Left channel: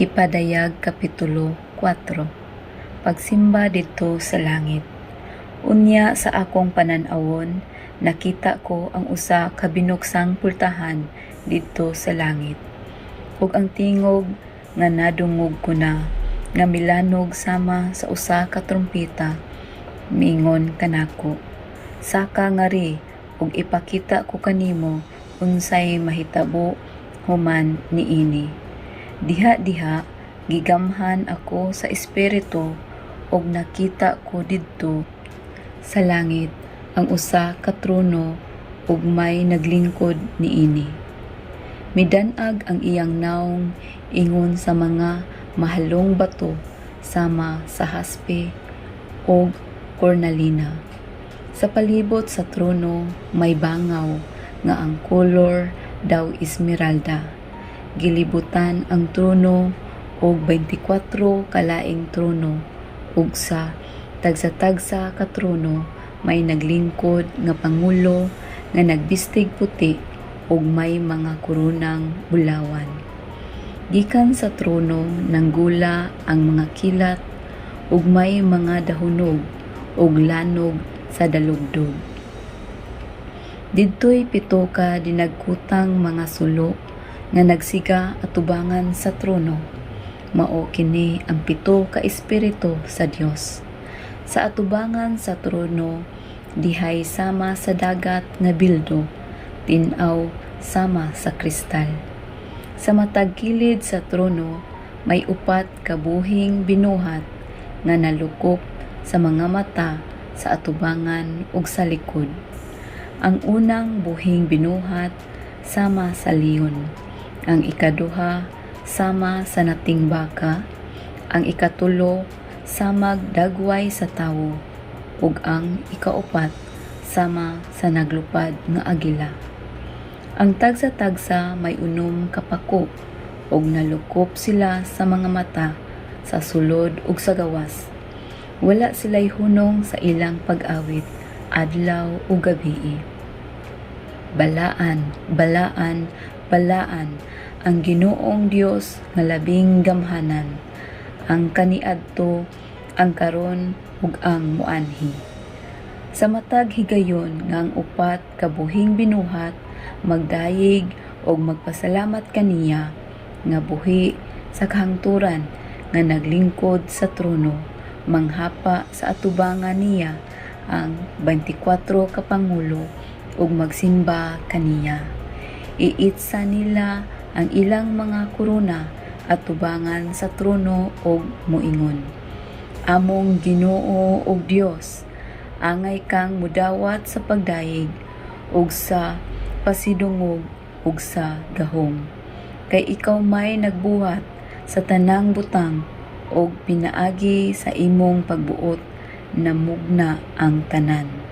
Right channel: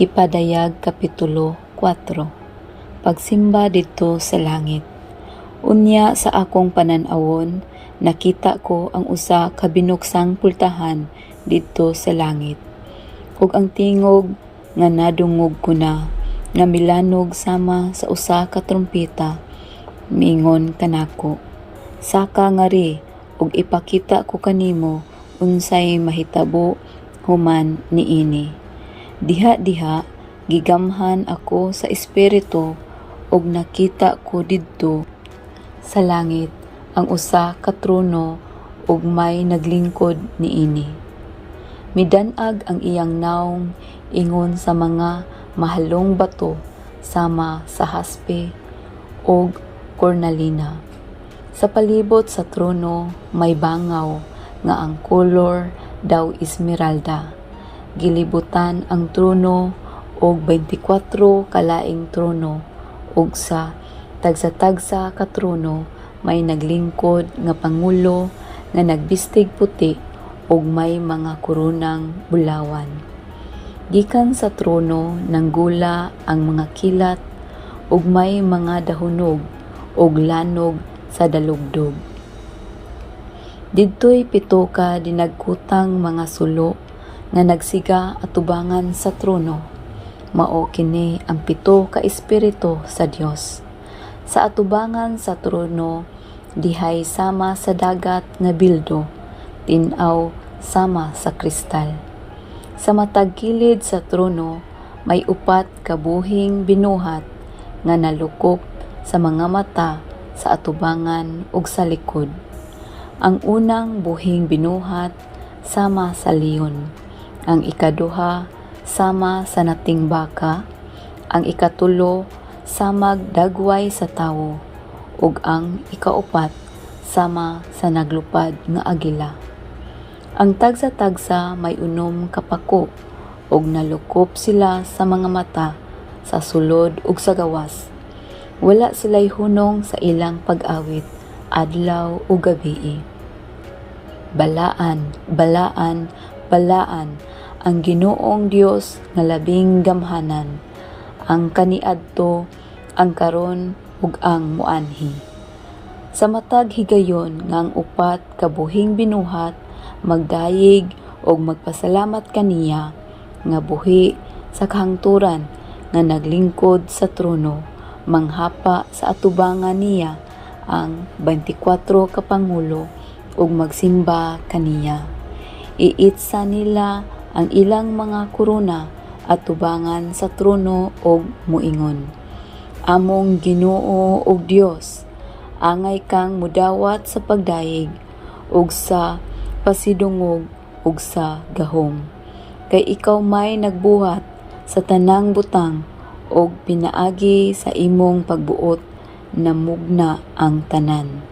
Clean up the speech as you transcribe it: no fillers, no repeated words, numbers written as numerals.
Kipadayag Kapitulo 4. Pagsimba didto sa langit. Unya sa akong pananawon, nakita ko ang usa ka binuksang pultahan didto sa langit. Ug ang tingog nga nadungog ko na, nga milanog sama sa usa ka trumpeta, miingon kanako, "Saka ngari ug ipakita ko kanimo unsay mahitabo human niini." Diha-diha gigamhan ako sa espiritu ug nakita ko didto sa langit ang usa ka trono ug may naglingkod niini. Midan-ag ang iyang nawong ingon sa mga mahalong bato sama sa haspe ug kornalina. Sa palibot sa trono may bangaw nga ang kolor daw esmeralda. Gilibutan ang trono og 24 kalaing trono ug sa tagsa-tagsa ka trono may naglingkod nga pangulo nga nagbistig puti ug may mga koronang bulawan. Gikan sa trono nanggula ang mga kilat ug may mga dahunog ug lanog sa dalugdog. Didto'y 7 ka dinagkutang mga sulo nga nagsiga atubangan sa trono. Mao kini ang 7 ka espiritu sa Dios. Sa atubangan sa trono dihay sama sa dagat nga bildo, tin-aw sama sa kristal. Sa matag kilid sa trono may 4 ka buhing binuhat nga nalukop sa mga mata sa atubangan ug sa likod. Ang unang buhing binuhat sama sa leon, ang ikaduha sama sa nating baka, ang ikatulo samag dagway sa tawo, ug ang ikaupat sama sa naglupad nga agila. Ang tagsa-tagsa may 6 ka pako ug nalukop sila sa mga mata, sa sulod ug sa gawas. Wala sila'y hunong sa ilang pag-awit, adlaw ug gabii. Balaan, balaan, balaan ang Ginoong Dios nga labing gamhanan, ang kaniadto, ang karon ug ang muanhi. Sa matag higayon nga ang 4 ka buhing binuhat magdayig ug magpasalamat kaniya nga buhi sa kahangturan nga naglingkod sa trono, manghapa sa atubangan niya ang 24 ka pangulo ug magsimba kaniya. Iitsa nila ang ilang mga korona at tubangan sa trono ug muingon, "Among Ginoo ug Dios, angay kang mudawat sa pagdayeg ug sa pasidungog ug sa gahom. Kay ikaw may nagbuhat sa tanang butang ug pinaagi sa imong pagbuot na mugna ang tanan."